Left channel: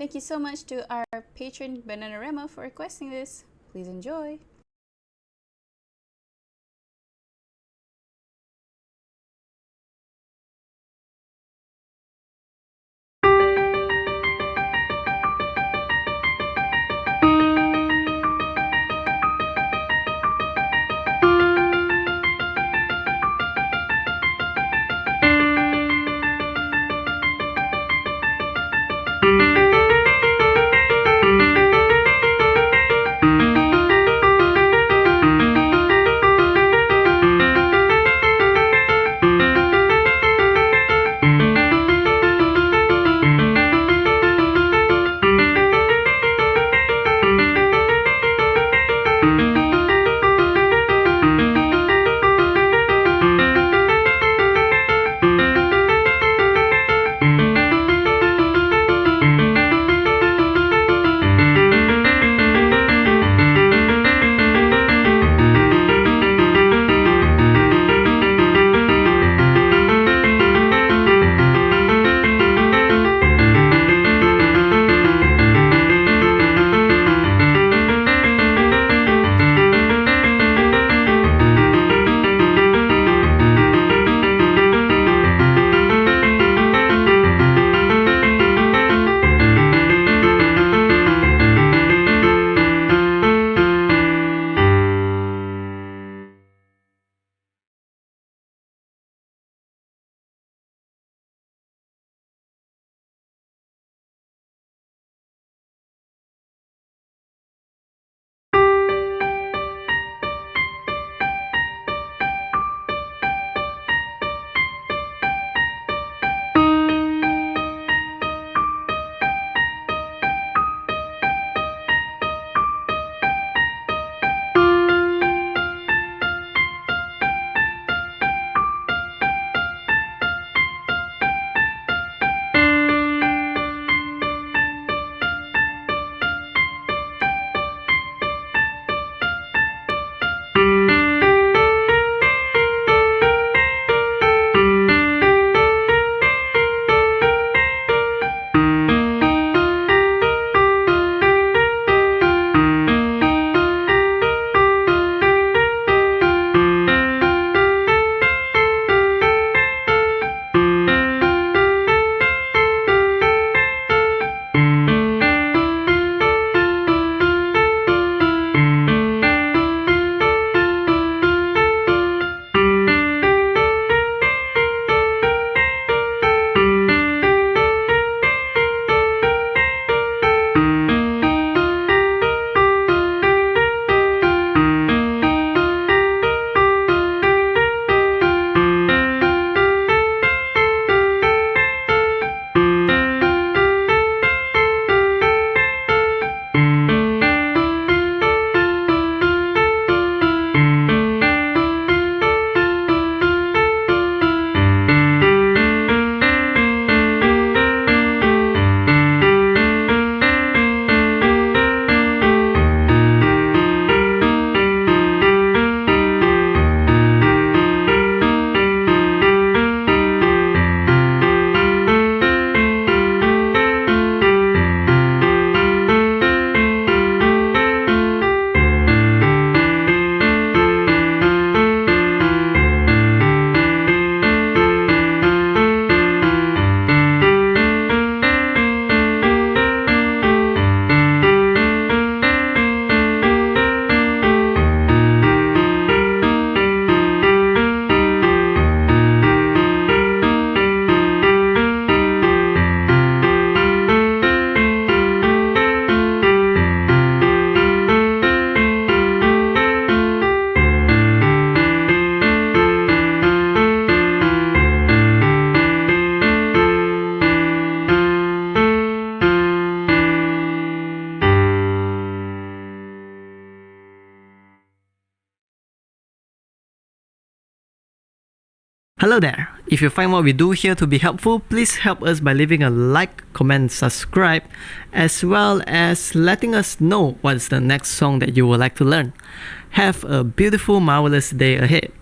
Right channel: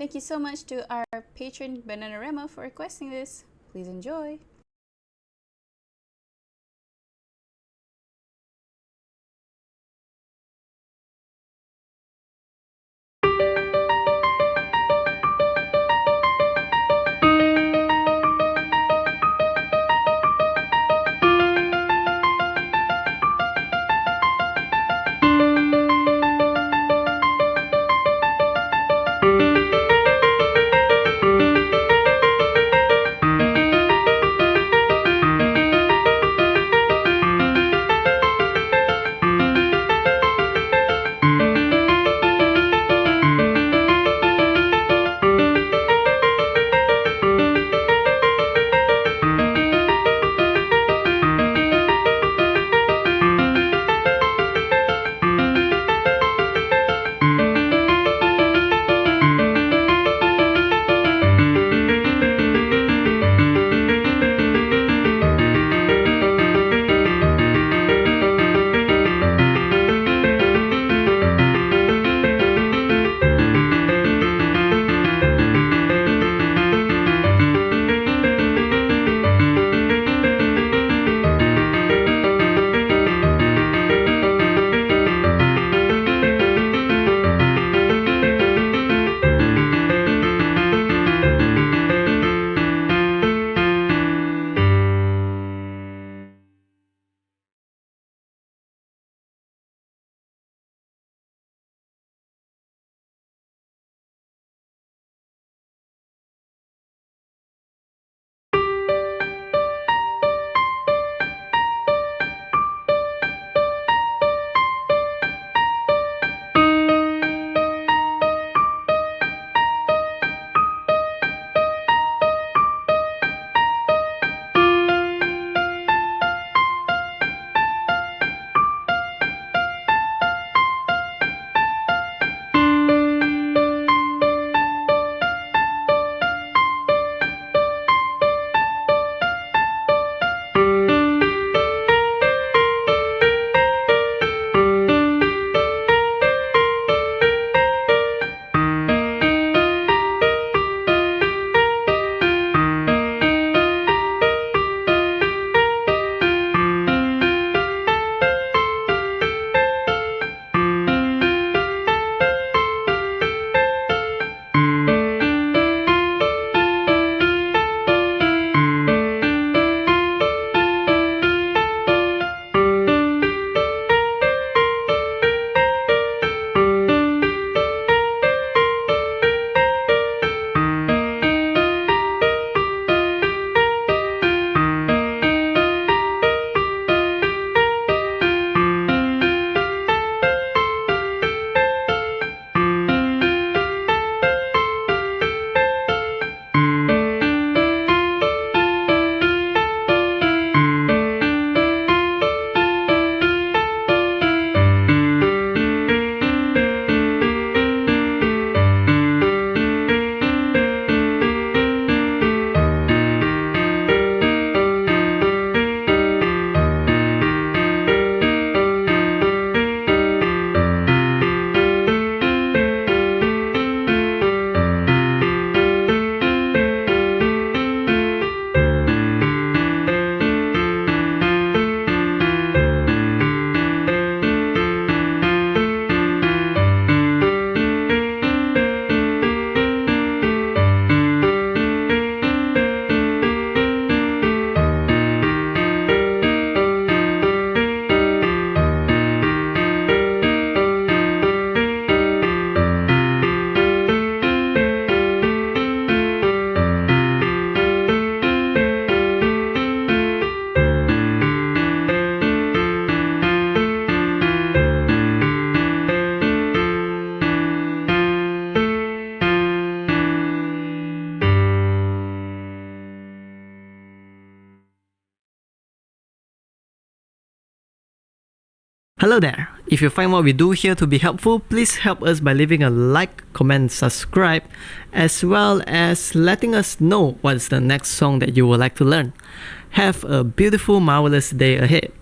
Thank you so much to our patron Bananarama for requesting this. Please enjoy. Hello there! If you find what we do here to be helpful, please help us by leaving a like, comment, subscribe, as well as letting us know what's the next song that you would like to learn. Have a beautiful, marvelous day ahead.